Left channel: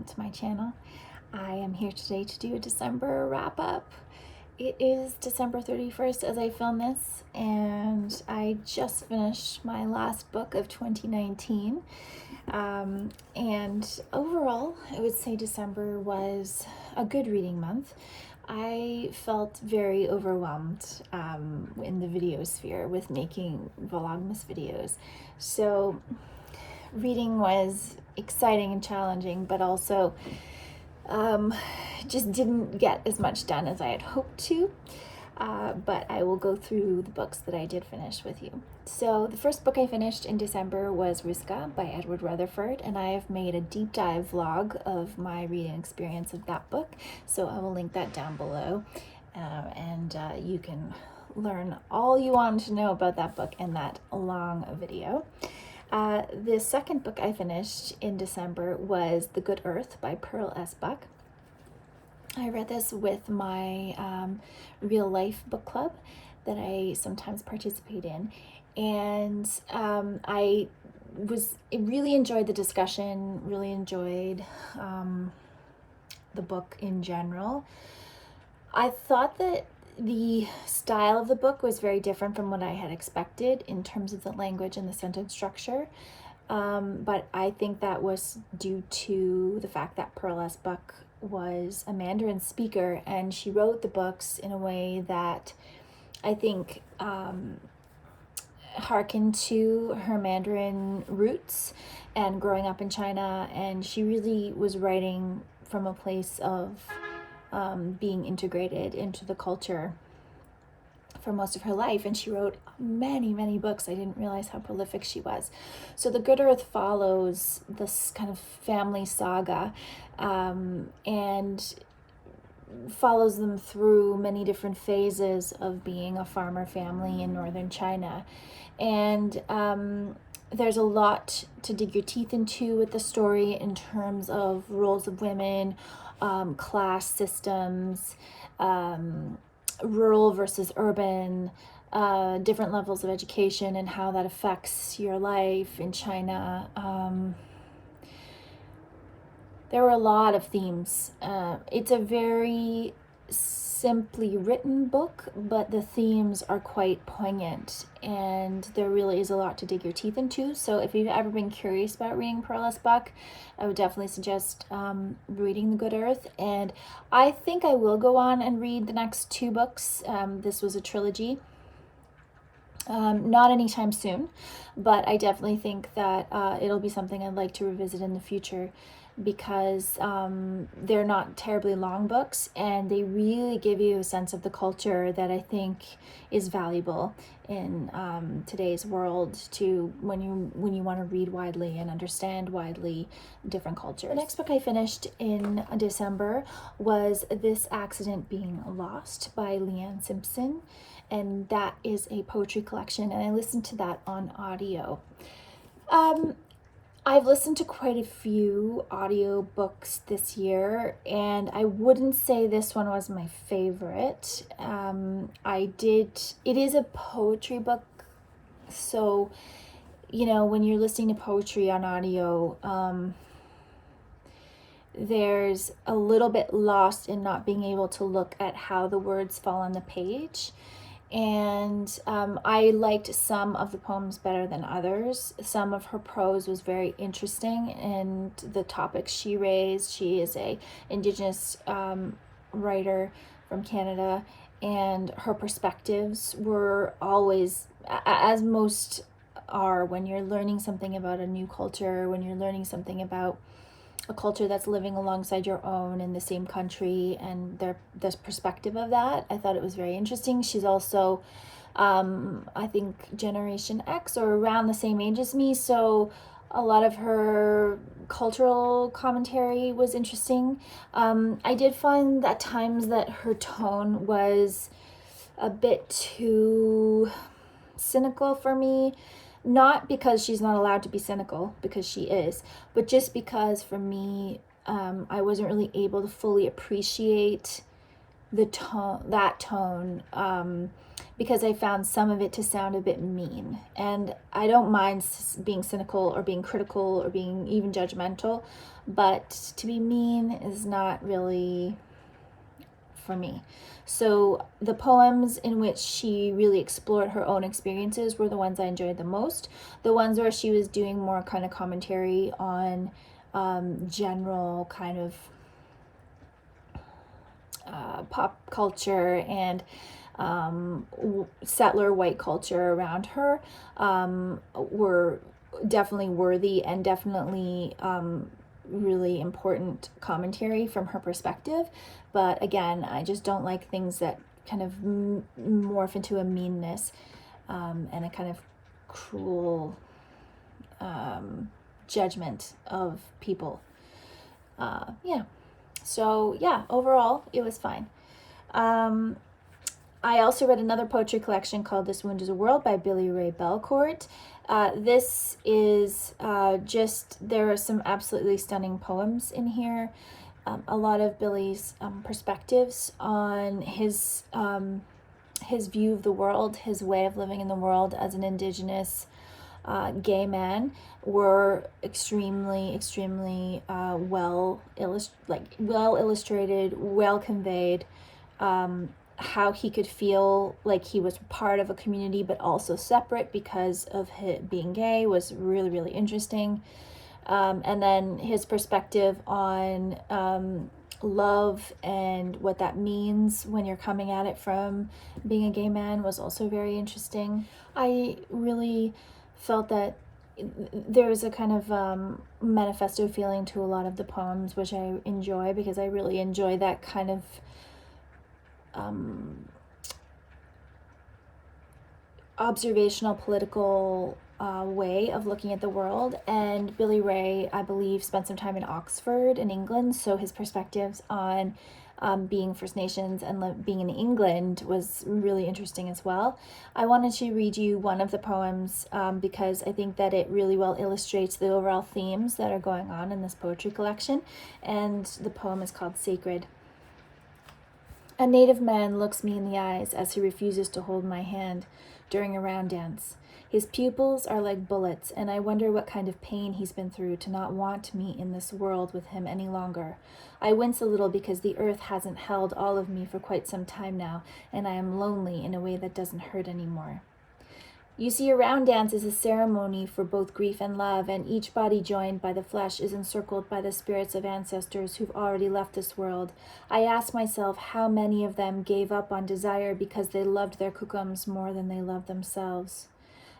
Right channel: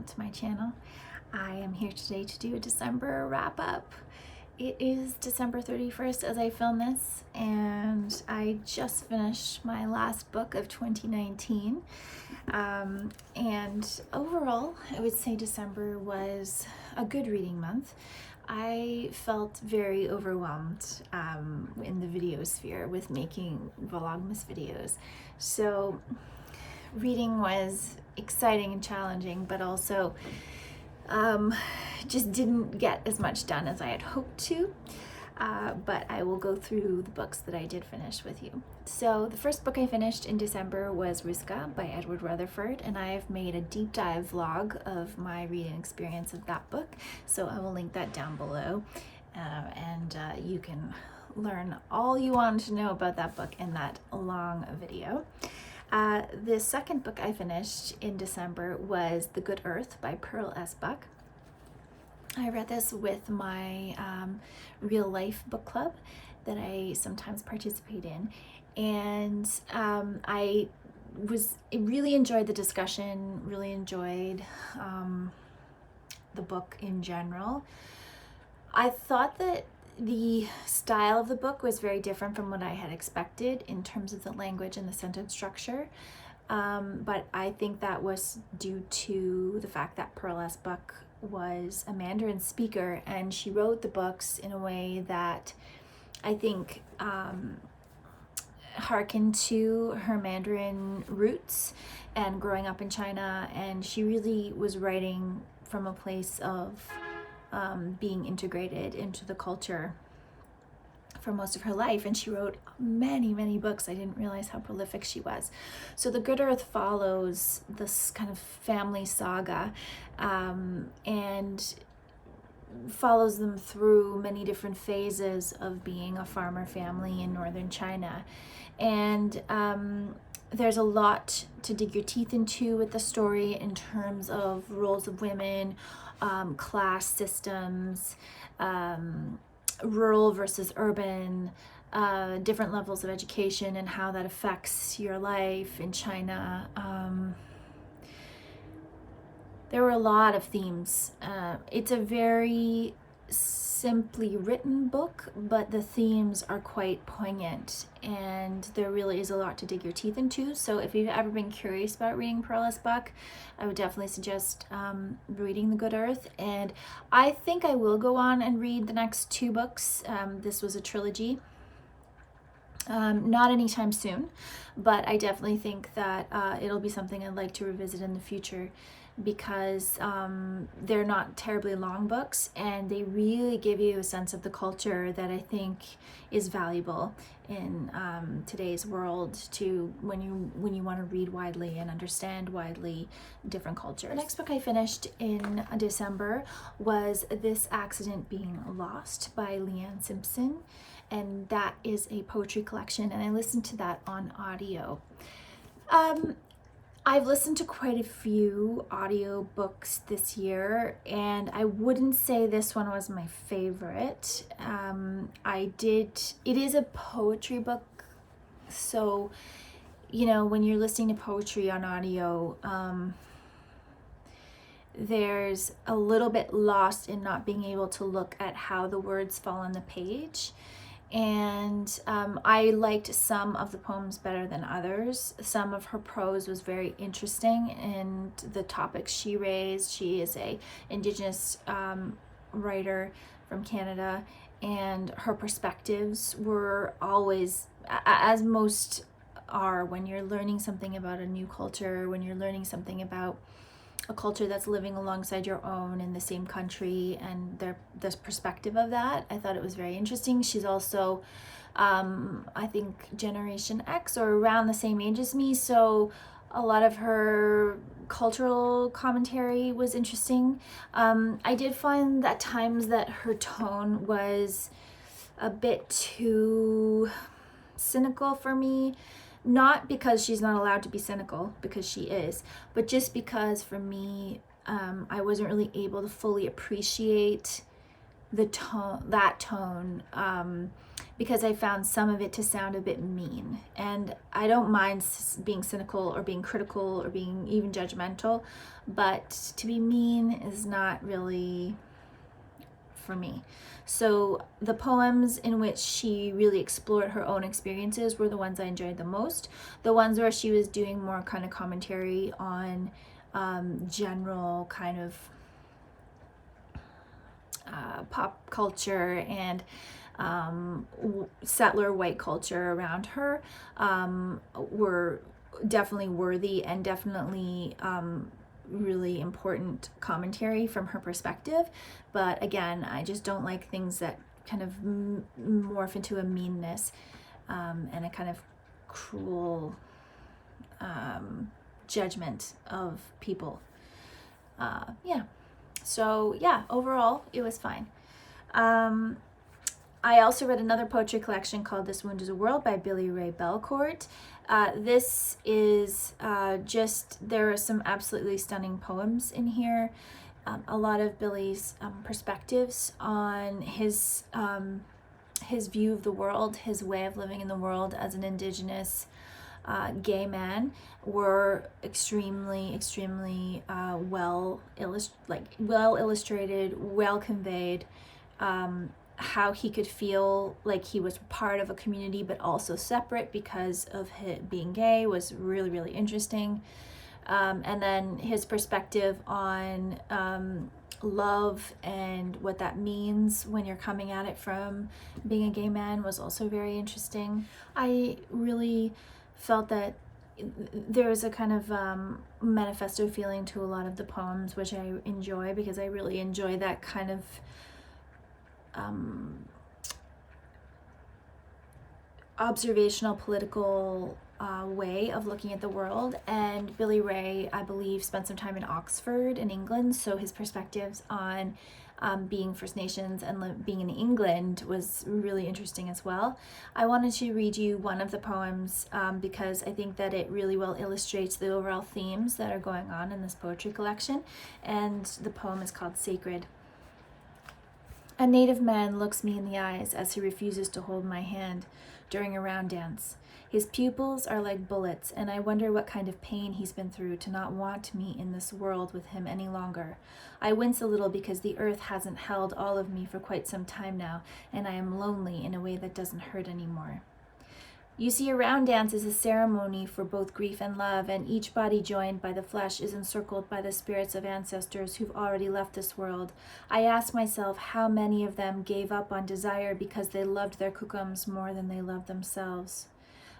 welcome to my channel. I am here today to do a December wrap-up. It is December 31st as I film this, and I just finished my last book of 2019. And overall, I would say December was a good reading month. I felt very overwhelmed in the video sphere with making Vlogmas videos. So reading was exciting and challenging, but also just didn't get as much done as I had hoped to. But I will go through the books that I did finish with you. So the first book I finished in December was Ruska by Edward Rutherford, and I have made a deep dive vlog of my reading experience of that book, so I will link that down below, and you can learn all you want to know about that book in that long video. The second book I finished in December was The Good Earth by Pearl S. Buck. I read this with my real life book club that I sometimes participate in, and I really enjoyed the discussion, really enjoyed the book in general. I thought that the style of the book was very different from what I had expected in terms of the language and the sentence structure, but I think that was due to the fact that Pearl S. Buck was a Mandarin speaker, and she wrote the books in a way that I think hearkened to her Mandarin roots and growing up in China, and she really was writing from a place of being integrated into the culture for most of her life, and she wrote many books. I didn't realize how prolific she was. So The Good Earth follows this kind of family saga and follows them through many different phases of being a farmer family in northern China. And there's a lot to dig your teeth into with the story in terms of roles of women, class systems, rural versus urban, different levels of education and how that affects your life in China. There were a lot of themes. It's a very simply written book, but the themes are quite poignant, and there really is a lot to dig your teeth into. So if you've ever been curious about reading Pearl S. Buck, I would definitely suggest reading The Good Earth, and I think I will go on and read the next two books. This was a trilogy. Not anytime soon, but I definitely think that it'll be something I'd like to revisit in the future, because they're not terribly long books, and they really give you a sense of the culture that I think is valuable in today's world, to when you want to read widely and understand widely different cultures. The next book I finished in December was This Accident Being Lost by Leanne Simpson, and that is a poetry collection, and I listened to that on audio. I've listened to quite a few audio books this year, and I wouldn't say this one was my favorite. It is a poetry book, so, you know, when you're listening to poetry on audio, there's a little bit lost in not being able to look at how the words fall on the page. And I liked some of the poems better than others. Some of her prose was very interesting, and the topics she raised. She is a Indigenous writer from Canada, and her perspectives were always, as most are when you're learning something about a new culture, when you're learning something about a culture that's living alongside your own in the same country, and this perspective of that. I thought it was very interesting. She's also, I think, Generation X or around the same age as me, so a lot of her cultural commentary was interesting. I did find at times that her tone was a bit too cynical for me. Not because she's not allowed to be cynical, because she is, but just because for me, I wasn't really able to fully appreciate that tone, because I found some of it to sound a bit mean. And I don't mind being cynical or being critical or being even judgmental, but to be mean is not really for me. So the poems in which she really explored her own experiences were the ones I enjoyed the most. The ones where she was doing more kind of commentary on general kind of pop culture and settler white culture around her were definitely worthy and definitely really important commentary from her perspective. But again, I just don't like things that kind of morph into a meanness and a kind of cruel judgment of people. So yeah, overall it was fine. I also read another poetry collection called This Wound is a World by Billy Ray Belcourt. This is there are some absolutely stunning poems in here. A lot of Billy's perspectives on his view of the world, his way of living in the world as an Indigenous gay man were extremely well illustrated, well conveyed. How he could feel like he was part of a community but also separate because of his being gay was really interesting. And then his perspective on love and what that means when you're coming at it from being a gay man was also very interesting. I really felt that there was a kind of manifesto feeling to a lot of the poems, which I enjoy because I really enjoy that kind of observational political way of looking at the world. And Billy Ray, I believe, spent some time in Oxford in England, so his perspectives on being First Nations and being in England was really interesting as well. I wanted to read you one of the poems because I think that it really well illustrates the overall themes that are going on in this poetry collection, and the poem is called Sacred. A native man looks me in the eyes as he refuses to hold my hand during a round dance. His pupils are like bullets, and I wonder what kind of pain he's been through to not want me in this world with him any longer. I wince a little because the earth hasn't held all of me for quite some time now, and I am lonely in a way that doesn't hurt anymore. You see, a round dance is a ceremony for both grief and love, and each body joined by the flesh is encircled by the spirits of ancestors who've already left this world. I ask myself how many of them gave up on desire because they loved their kukums more than they loved themselves.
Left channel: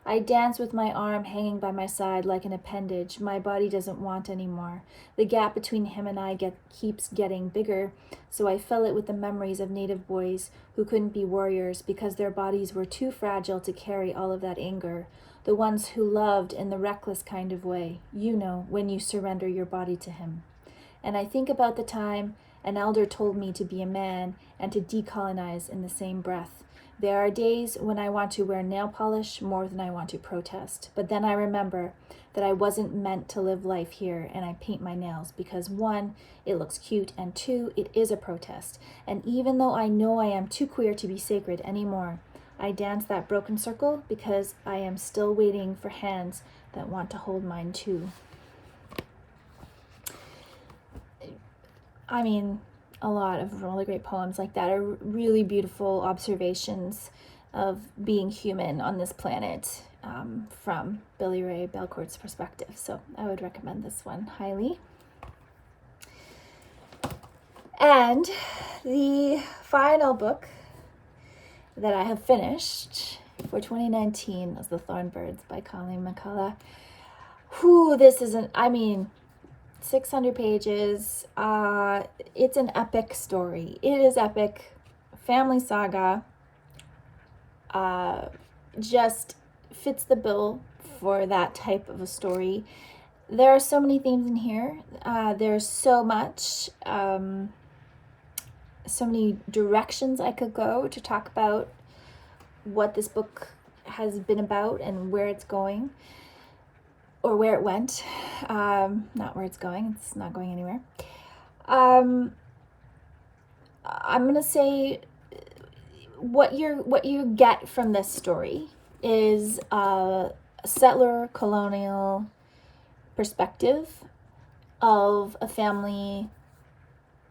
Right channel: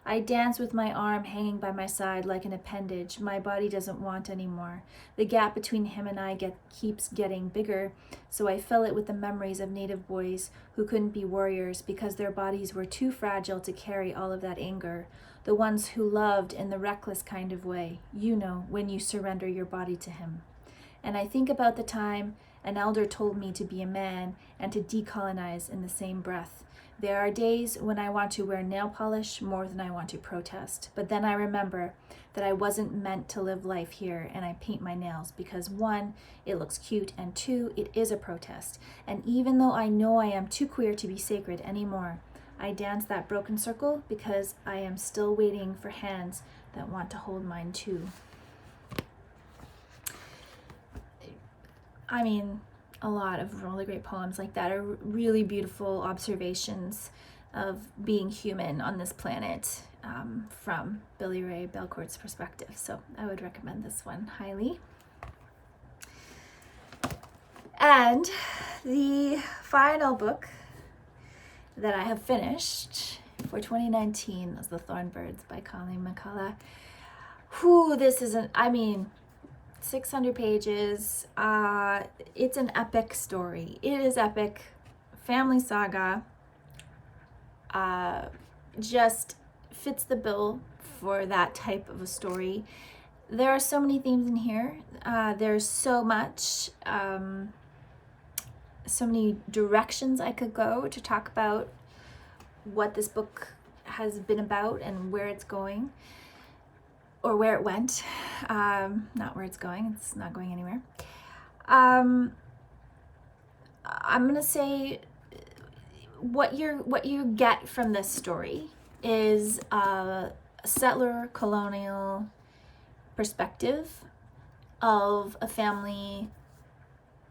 I dance with my arm hanging by my side like an appendage my body doesn't want anymore. The gap between him and I keeps getting bigger, so I fill it with the memories of native boys who couldn't be warriors because their bodies were too fragile to carry all of that anger. The ones who loved in the reckless kind of way, you know, when you surrender your body to him. And I think about the time an elder told me to be a man and to decolonize in the same breath. There are days when I want to wear nail polish more than I want to protest, but then I remember that I wasn't meant to live life here, and I paint my nails because 1, it looks cute, and 2, it is a protest. And even though I know I am too queer to be sacred anymore, I dance that broken circle because I am still waiting for hands that want to hold mine too. I mean, a lot of really great poems like that are really beautiful observations of being human on this planet from Billy Ray Belcourt's perspective. So I would recommend this one highly. And the final book that I have finished for 2019 is The Thorn Birds by Colleen McCullough. This is 600 pages. It's an epic story. It is epic. Family saga. Just fits the bill for that type of a story. There are so many themes in here. There's so much, so many directions I could go to talk about what this book has been about and where it's going. Or where it went, not where it's going. It's not going anywhere. I'm gonna say what you get from this story is a settler colonial perspective of a family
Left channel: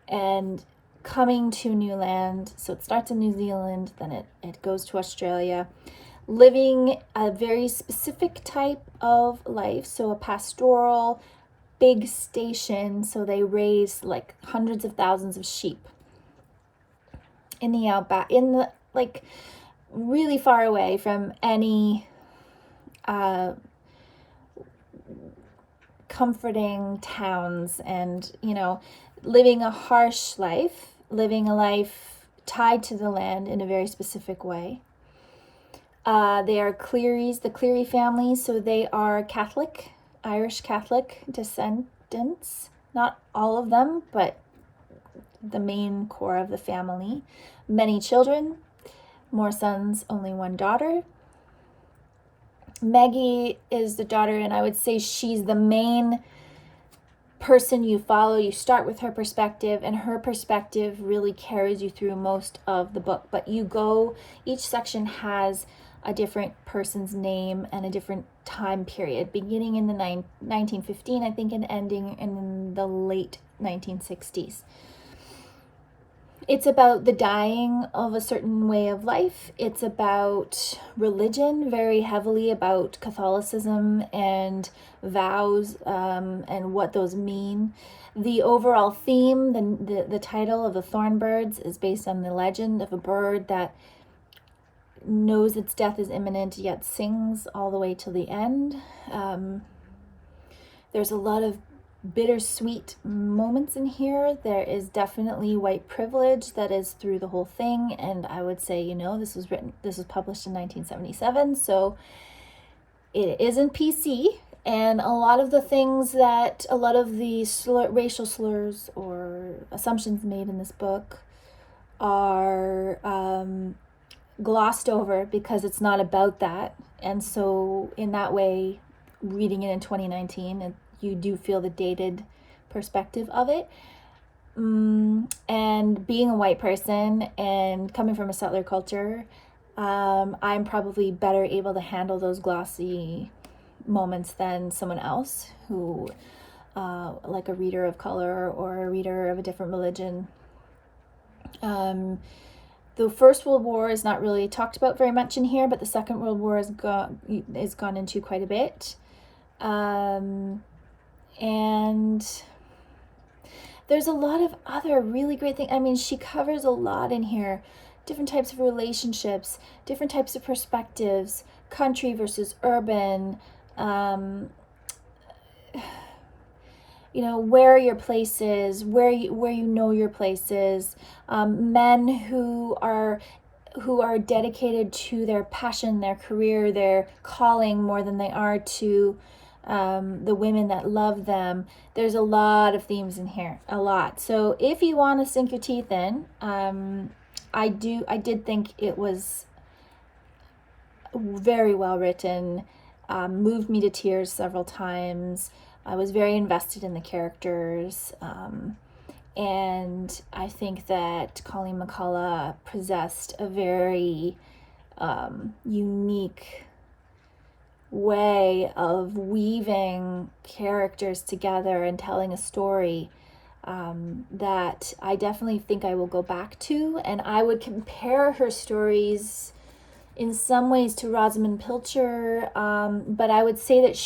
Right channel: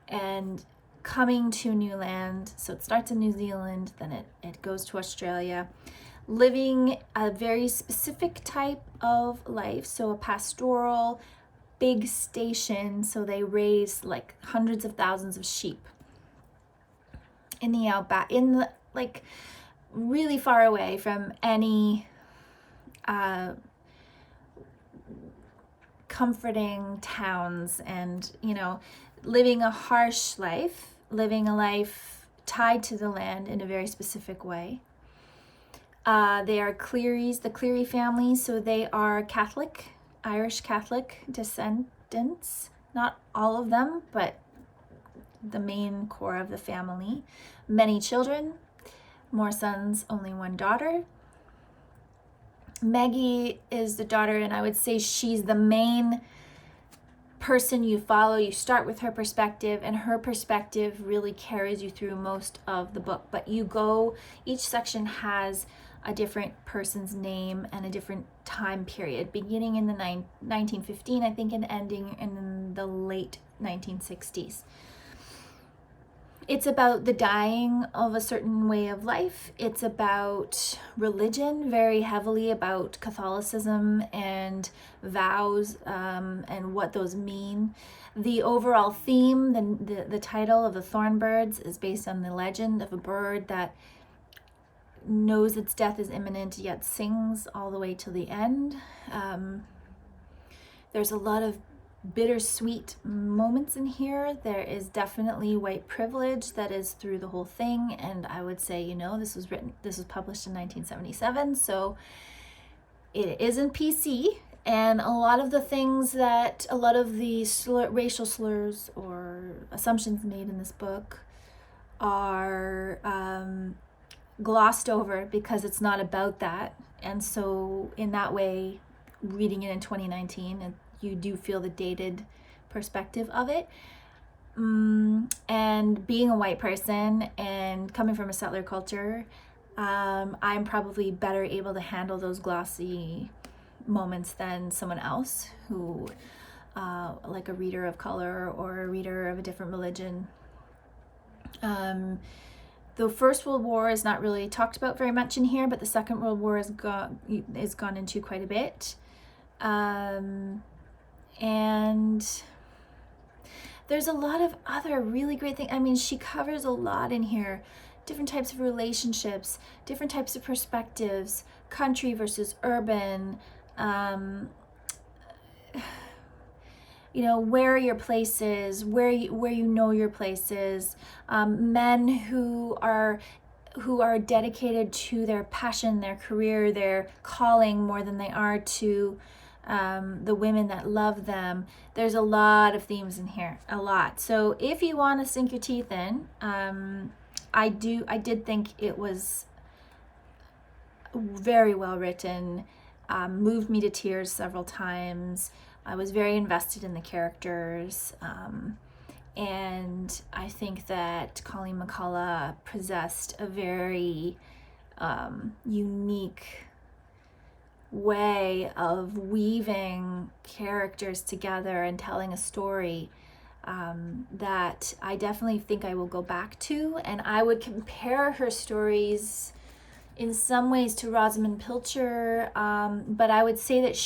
and coming to new land. So it starts in New Zealand, then it goes to Australia, living a very specific type of life. So a pastoral, big station. So they raise like hundreds of thousands of sheep in the outback, in the like really far away from any comforting towns, and living a harsh life, living a life tied to the land in a very specific way. They are Clearys, the Cleary family, so they are Catholic, Irish Catholic descendants. Not all of them, but the main core of the family. Many children, more sons, only one daughter. Maggie is the daughter, and I would say she's the main person you follow. You start with her perspective, and her perspective really carries you through most of the book. But each section has a different person's name and a different time period, beginning in the 1915, I think, and ending in the late 1960s. It's about the dying of a certain way of life. It's about religion, very heavily about Catholicism and vows and what those mean. The overall theme, the title of the Thorn Birds, is based on the legend of a bird that knows its death is imminent, yet sings all the way to the end. There's a lot of bittersweet moments in here. There is definitely white privilege that is through the whole thing, and I would say, this was published in 1977, so it isn't PC, and a lot of the racial slurs or assumptions made in this book are glossed over because it's not about that. And so in that way, reading it in 2019, you do feel the dated perspective of it. And being a white person and coming from a settler culture, I'm probably better able to handle those glossy moments than someone else who, like a reader of color or a reader of a different religion. The First World War is not really talked about very much in here, but the Second World War is gone into quite a bit. And there's a lot of other really great things. I mean, she covers a lot in here. Different types of relationships, different types of perspectives, country versus urban, where your place is, where you know your place is, men who are dedicated to their passion, their career, their calling more than they are to the women that love them. There's a lot of themes in here, a lot. So if you want to sink your teeth in, I did think it was very well written, moved me to tears several times. I was very invested in the characters, and I think that Colleen McCullough possessed a very unique way of weaving characters together and telling a story that I definitely think I will go back to. And I would compare her stories in some ways to Rosamund Pilcher, but I would say that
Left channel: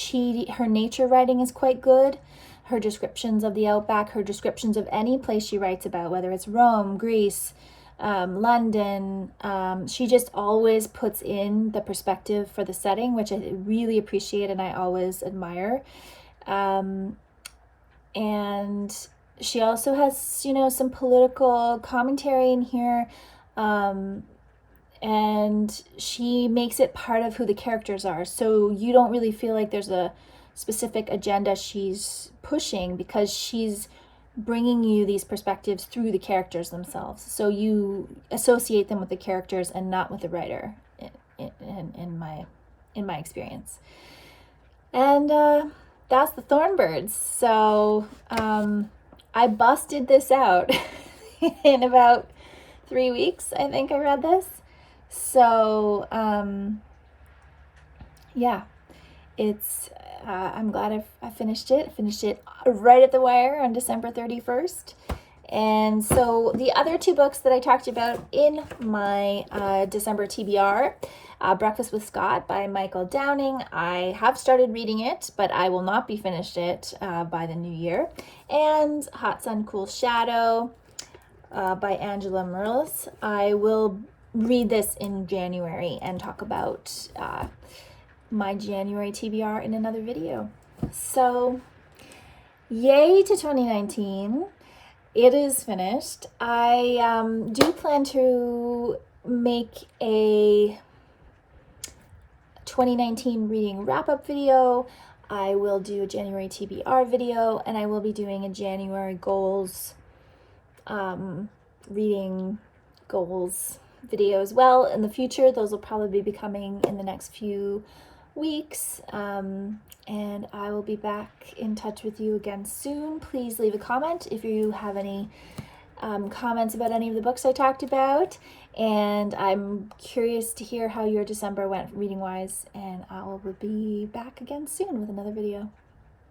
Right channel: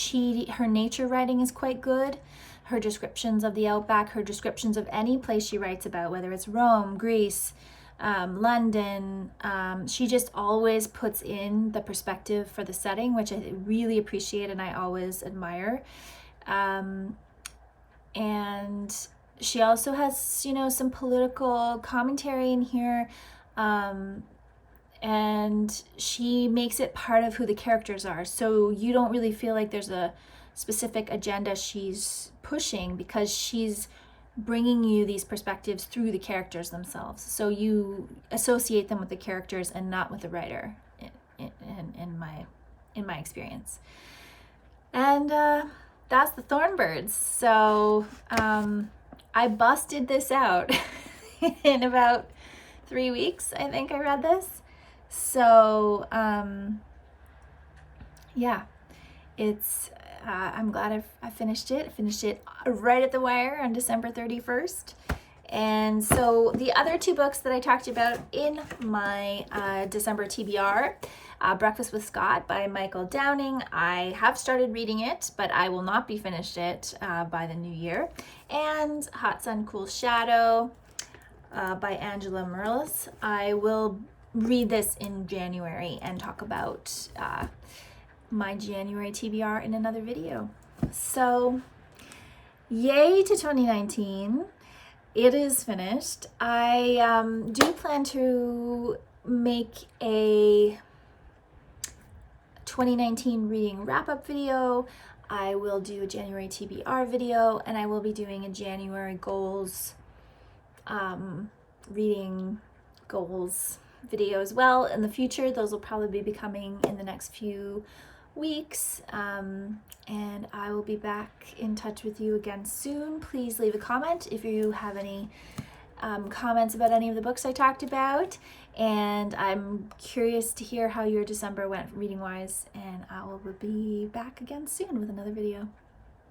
her nature writing is quite good. Her descriptions of the outback, her descriptions of any place she writes about, whether it's Rome, Greece, London, she just always puts in the perspective for the setting, which I really appreciate and I always admire. And she also has, some political commentary in here. And she makes it part of who the characters are. So you don't really feel like there's a specific agenda she's pushing, because she's bringing you these perspectives through the characters themselves. So you associate them with the characters and not with the writer, in my experience. And that's the Thorn Birds. So I busted this out in about 3 weeks. I think I read this. So, yeah, it's I'm glad I finished it. I finished it right at the wire on December 31st. And so the other two books that I talked about in my December TBR, Breakfast with Scott by Michael Downing. I have started reading it, but I will not be finished it by the new year. And Hot Sun, Cool Shadow by Angela Merlis. I will read this in January and talk about my January TBR in another video. So yay to 2019. It is finished. I do plan to make a 2019 reading wrap-up video. I will do a January TBR video, and I will be doing a January goals, reading goals video as well in the future. Those will probably be coming in the next few weeks, and I will be back in touch with you again soon. Please leave a comment if you have any comments about any of the books I talked about, and I'm curious to hear how your December went reading wise, and I will be back again soon with another video.